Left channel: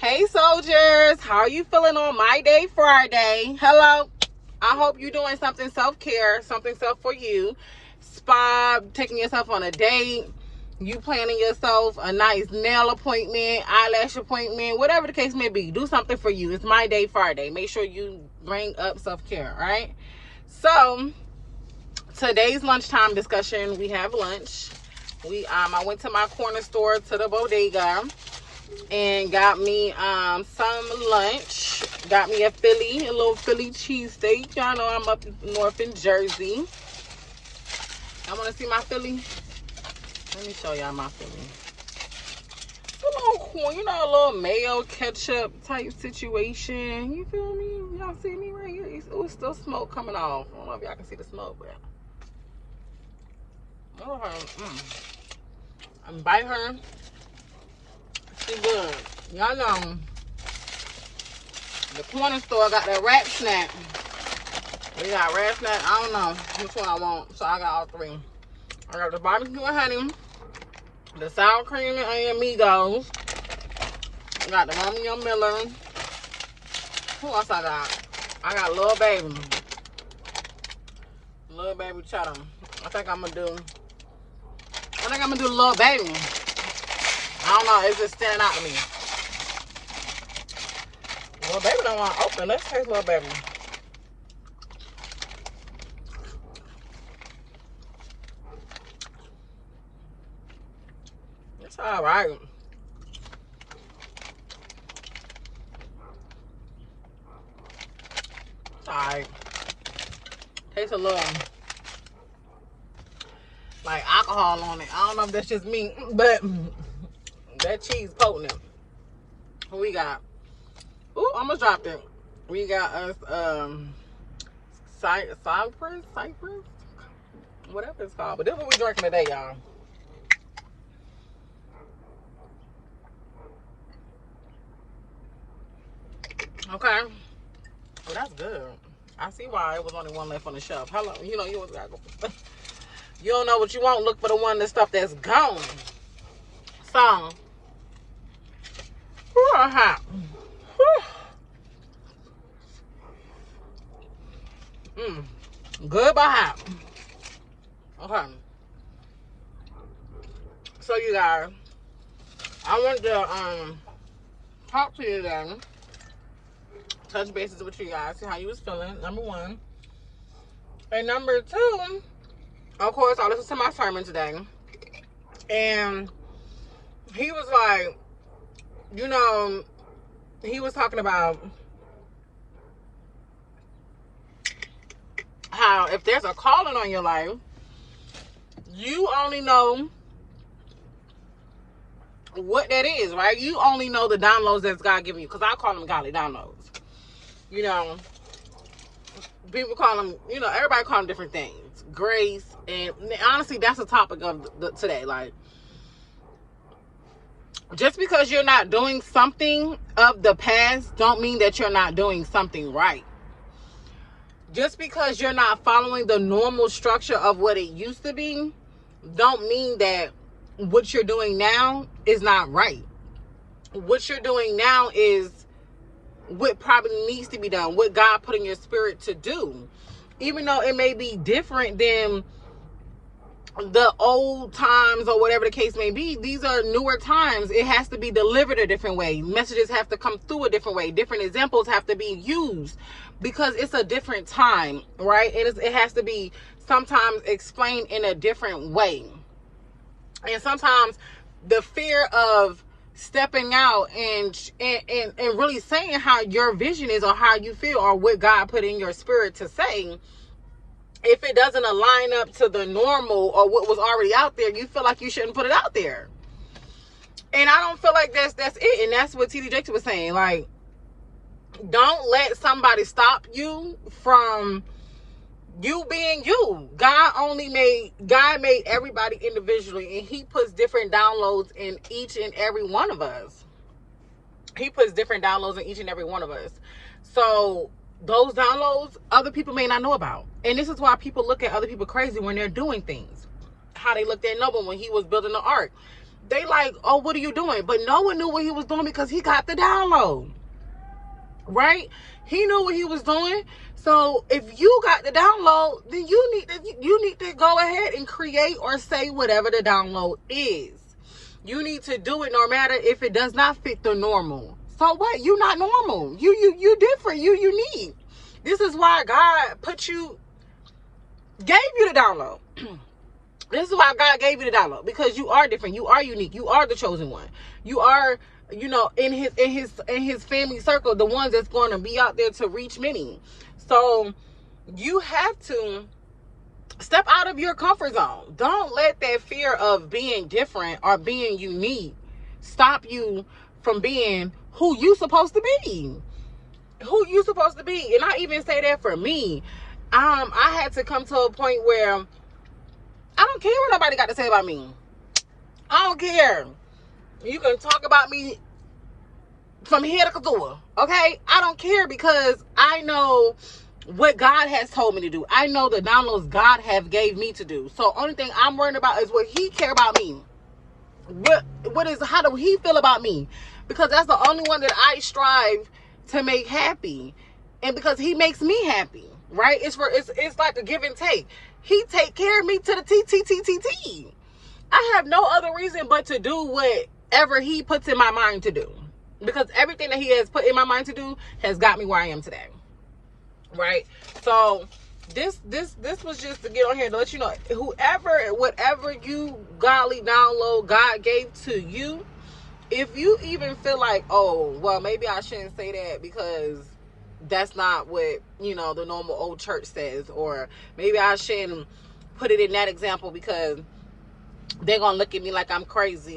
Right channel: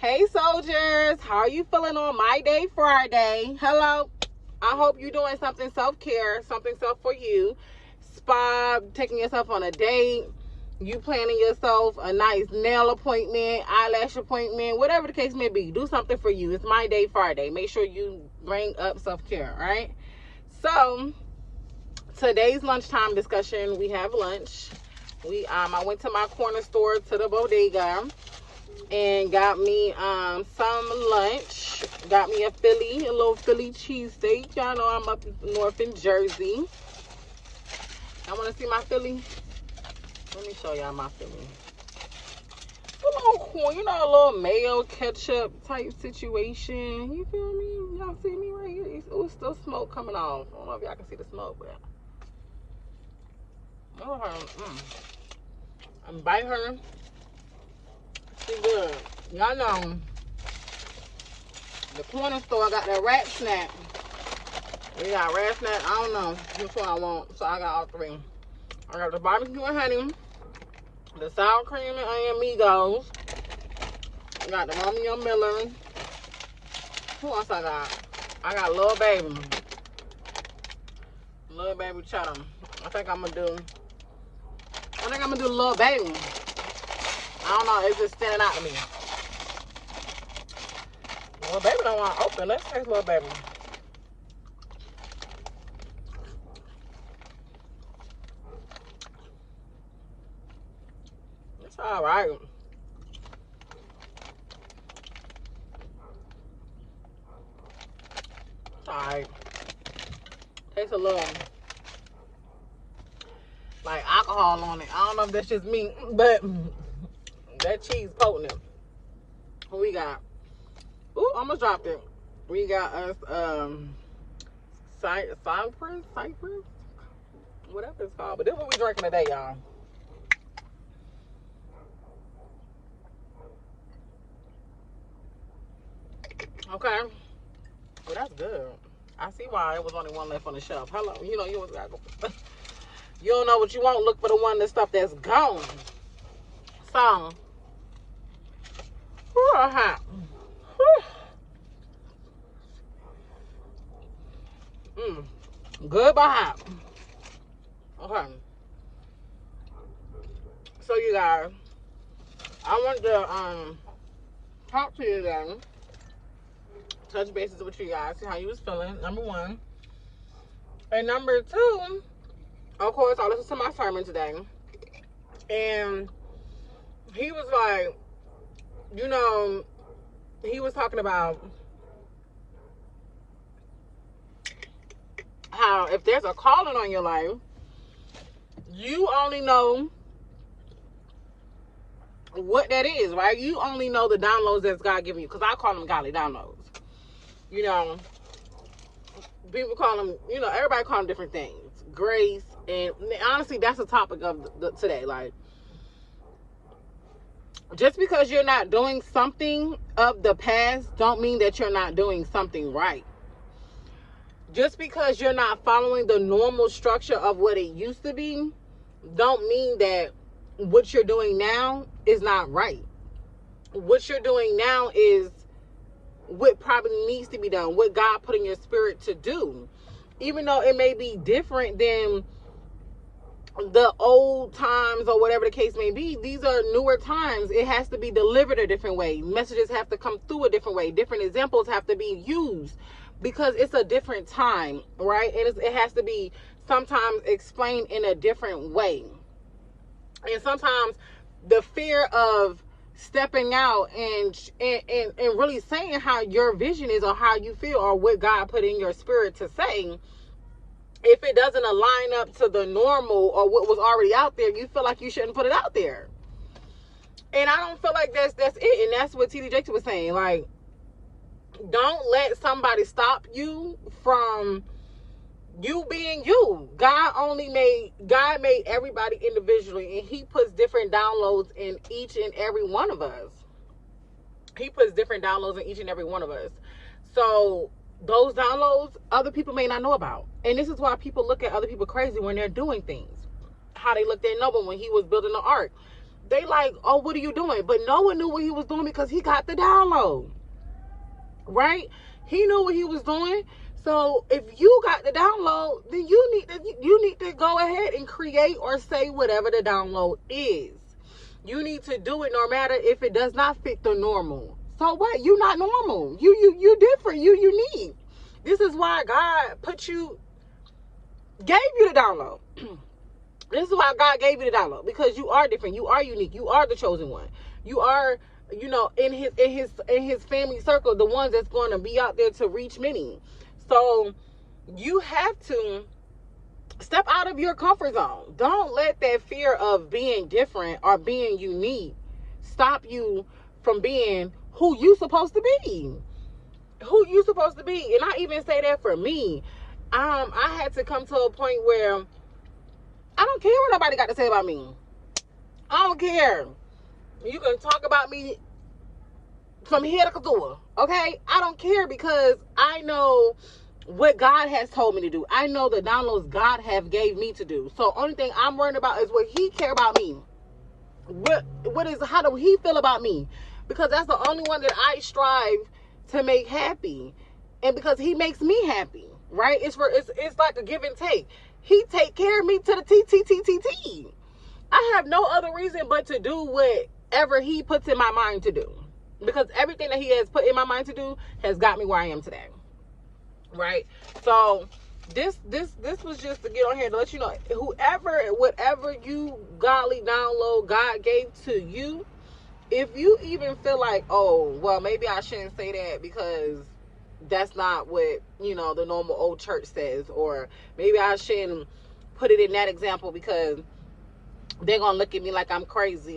Hey soldiers, how are you feeling on My Day Friday? Hello. I hope you're doing something self-care, something self for you. Spa, taking yourself on a date, you planning yourself a nice nail appointment, eyelash appointment, whatever the case may be. Do something for you. It's My Day Friday. Make sure you bring up self-care, right? So, today's lunchtime discussion, we have lunch. I went to my corner store, to the bodega, and got me some lunch. Got me a little Philly cheesesteak. Y'all know I'm up north in Jersey. I want to see my Philly. Let me show y'all my Philly. It's a little corn, a little mayo ketchup type situation. You feel me? Y'all see me right here? It's still smoke coming off. I don't know if y'all can see the smoke, but I'm bite her. She good. Y'all know the corner store got that rat snack. We got rat snack. I don't know which one I want, so I got all three. I got the barbecue and honey, the sour cream and onion Migos. I got the Romeo Miller. Who else I got? I got Lil Baby. Lil Baby cheddar. I think I'm gonna do Lil Baby. I don't know, it's just standing out to me. Lil Baby don't want to open. Let's taste Lil Baby. It's all right. It's all right. Tastes a little like alcohol on it. I don't know if that's just me, but that cheese potent. What we got? Ooh, almost dropped it. We got us Cypress, whatever it's called. But this is what we drinking today, y'all. Okay. Oh, that's good. I see why it was only one left on the shelf. Hello, you always gotta go for stuff. You don't know what you want. Look for the stuff that's gone. So, hot. Good but hot. Okay. So you guys, I want to talk to you then. Touch bases with you guys, see how you was feeling, number one. And number two, of course, I listened to my sermon today. And he was like, he was talking about how if there's a calling on your life, you only know what that is, right? You only know the downloads that's God giving you. Because I call them godly downloads. People call them, everybody call them different things. Grace. And honestly, that's the topic of today. Like, just because you're not doing something of the past don't mean that you're not doing something right. Just because you're not following the normal structure of what it used to be don't mean that what you're doing now is not right. What you're doing now is what probably needs to be done, what God put in your spirit to do. Even though it may be different than the old times or whatever the case may be, these are newer times. It has to be delivered a different way. Messages have to come through a different way. Different examples have to be used because it's a different time, right? It has to be sometimes explained in a different way. And sometimes the fear of stepping out and really saying how your vision is or how you feel or what God put in your spirit to say, if it doesn't align up to the normal or what was already out there, you feel like you shouldn't put it out there. And I don't feel like that's it. And that's what T.D. Jakes was saying. Like, don't let somebody stop you from you being you. God made everybody individually, and he puts different downloads in each and every one of us. So those downloads, other people may not know about. And this is why people look at other people crazy when they're doing things. How they looked at Noah when he was building the ark. they like, oh, what are you doing? But no one knew what he was doing because he got the download, right? He knew what he was doing. So if you got the download, then you need to go ahead and create or say whatever the download is. You need to do it no matter if it does not fit the normal. So what? You not normal. You different. You unique. This is why God gave you the download. This is why God gave you the download, because you are different. You are unique. You are the chosen one. You are, in his family circle, the ones that's going to be out there to reach many. So you have to step out of your comfort zone. Don't let that fear of being different or being unique stop you from being who you supposed to be. Who you supposed to be. And I even say that for me. I had to come to a point where I don't care what nobody got to say about me. I don't care. You can talk about me from here to Kazua, okay? I don't care, because I know what God has told me to do. I know the downloads God have gave me to do. So only thing I'm worried about is what he care about me. How do he feel about me? Because that's the only one that I strive to make happy. And because he makes me happy, right? It's like a give and take. He take care of me to the T. I have no other reason but to do whatever he puts in my mind to do. Because everything that he has put in my mind to do has got me where I am today. Right? So this was just to get on here to let you know, whatever you godly download God gave to you, if you even feel like, oh, well, maybe I shouldn't say that because that's not what, the normal old church says, or maybe I shouldn't put it in that example because they're going to look at me like I'm crazy,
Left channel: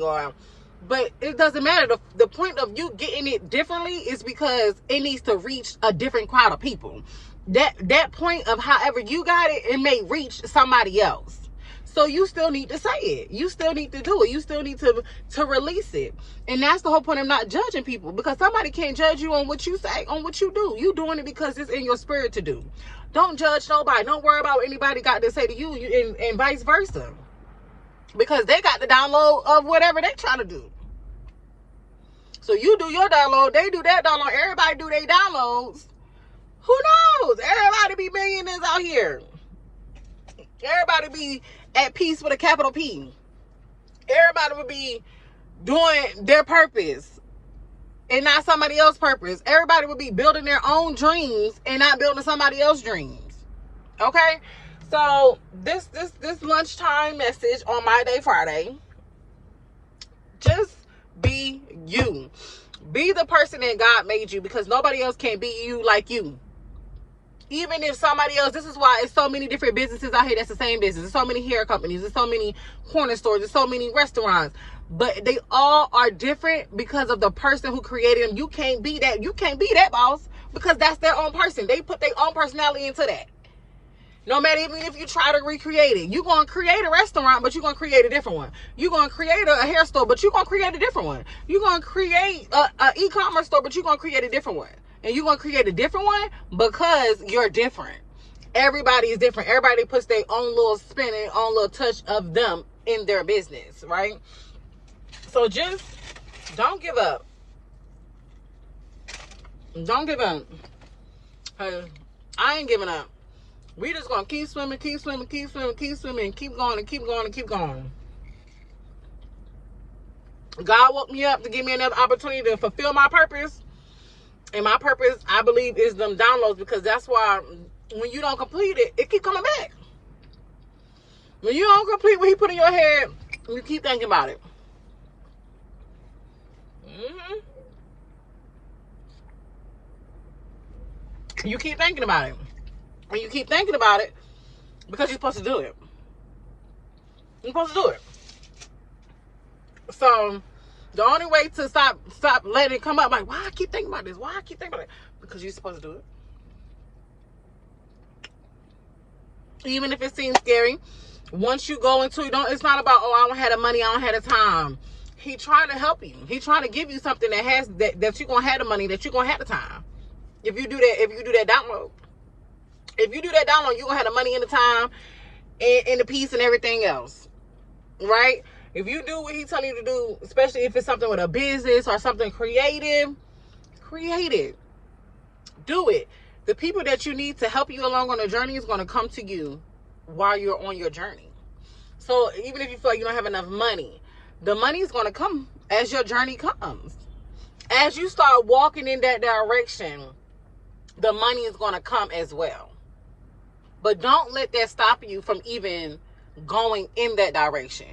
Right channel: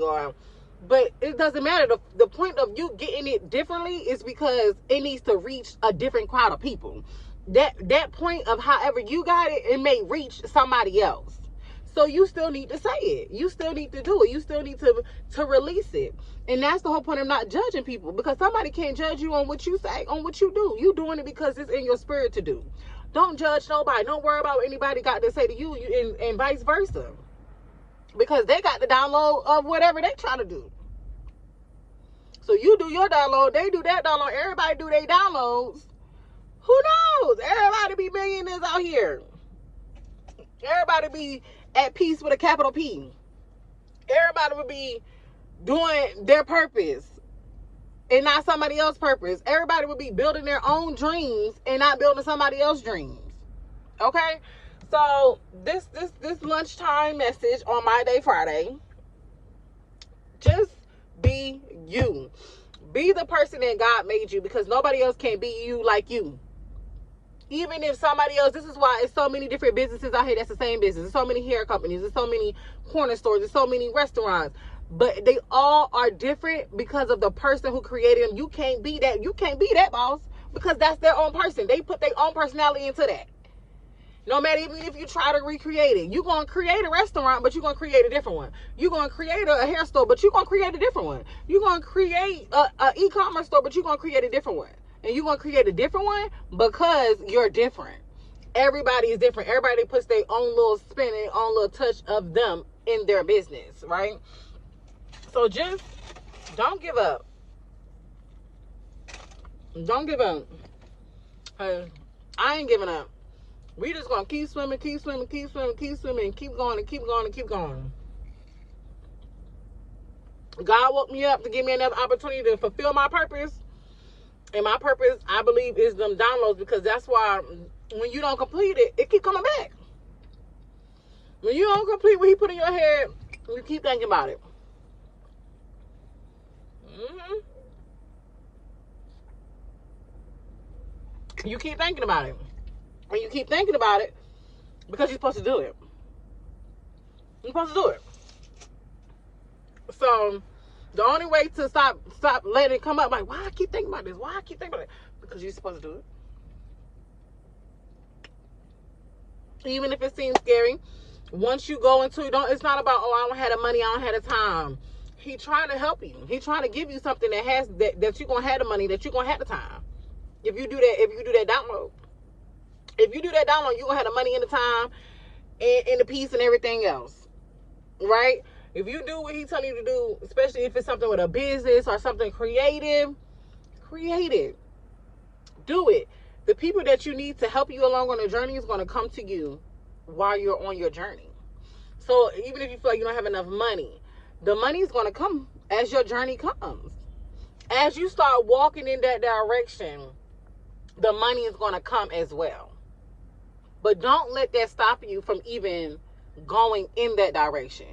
but it doesn't matter. The point of you getting it differently is because it needs to reach a different crowd of people. That point of however you got it, it may reach somebody else. So you still need to say it. You still need to do it. You still need to release it. And that's the whole point of not judging people, because somebody can't judge you on what you say, on what you do. You doing it because it's in your spirit to do. Don't judge nobody. Don't worry about what anybody got to say to you, and vice versa. Because they got the download of whatever they trying to do. So you do your download, they do that download, everybody do their downloads. Who knows? Everybody be millionaires out here. Everybody be at peace with a capital P. Everybody would be doing their purpose and not somebody else's purpose. Everybody would be building their own dreams and not building somebody else's dreams. Okay? So this lunchtime message on My Day Friday, just be you. Be the person that God made you, because nobody else can be you like you. Even if somebody else, this is why it's so many different businesses out here that's the same business. There's so many hair companies. There's so many corner stores. There's so many restaurants. But they all are different because of the person who created them. You can't be that. You can't be that boss, because that's their own person. They put their own personality into that. No matter even if you try to recreate it. You're going to create a restaurant, but you're going to create a different one. You're going to create a hair store, but you're going to create a different one. You're going to create an e-commerce store, but you're going to create a different one. And you're going to create a different one because you're different. Everybody is different. Everybody puts their own little spin and own little touch of them in their business, right? So just don't give up. Don't give up. I ain't giving up. We just going to keep swimming, keep swimming, keep swimming, keep swimming, and keep going and keep going and keep going. God woke me up to give me another opportunity to fulfill my purpose. And my purpose, I believe, is them downloads, because that's why when you don't complete it, it keep coming back. When you don't complete what he put in your head, you keep thinking about it. You keep thinking about it. And you keep thinking about it because you're supposed to do it. You're supposed to do it. So the only way to stop letting it come up, like, why I keep thinking about this? Why I keep thinking about it? Because you're supposed to do it. Even if it seems scary, once you go into it, it's not about, oh, I don't have the money, I don't have the time. He trying to help you. He trying to give you something that you're gonna have the money, that you're gonna have the time. If you do that download. If you do that download, you're gonna have the money and the time and the peace and everything else. Right? If you do what he telling you to do, especially if it's something with a business or something creative, create it. Do it. The people that you need to help you along on the journey is going to come to you while you're on your journey. So even if you feel like you don't have enough money, the money is going to come as your journey comes. As you start walking in that direction, the money is going to come as well. But don't let that stop you from even going in that direction.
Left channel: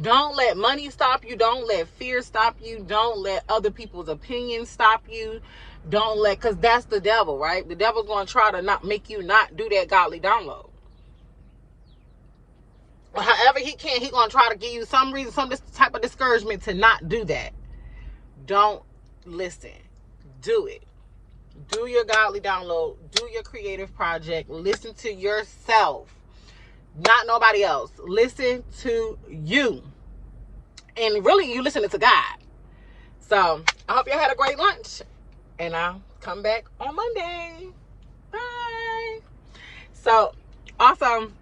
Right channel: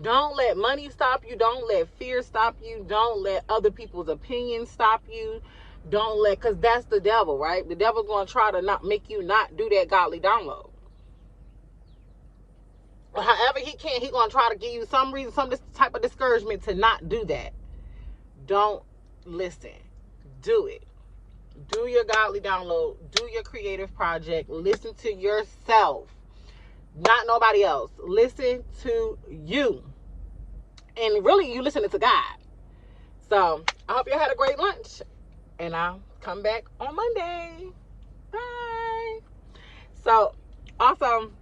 Don't let money stop you. Don't let fear stop you. Don't let other people's opinions stop you. Don't let, because that's the devil, right? The devil's going to try to not make you not do that godly download. However he can, he's going to try to give you some reason, some type of discouragement to not do that. Don't listen. Do it. Do your godly download. Do your creative project. Listen to yourself. Not nobody else. Listen to you. And really, you listening to God. So, I hope you had a great lunch. And I'll come back on Monday. Bye. So, also,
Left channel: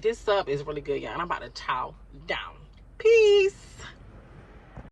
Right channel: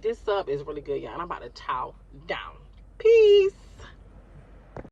this sub is really good, y'all. I'm about to chow down. Peace.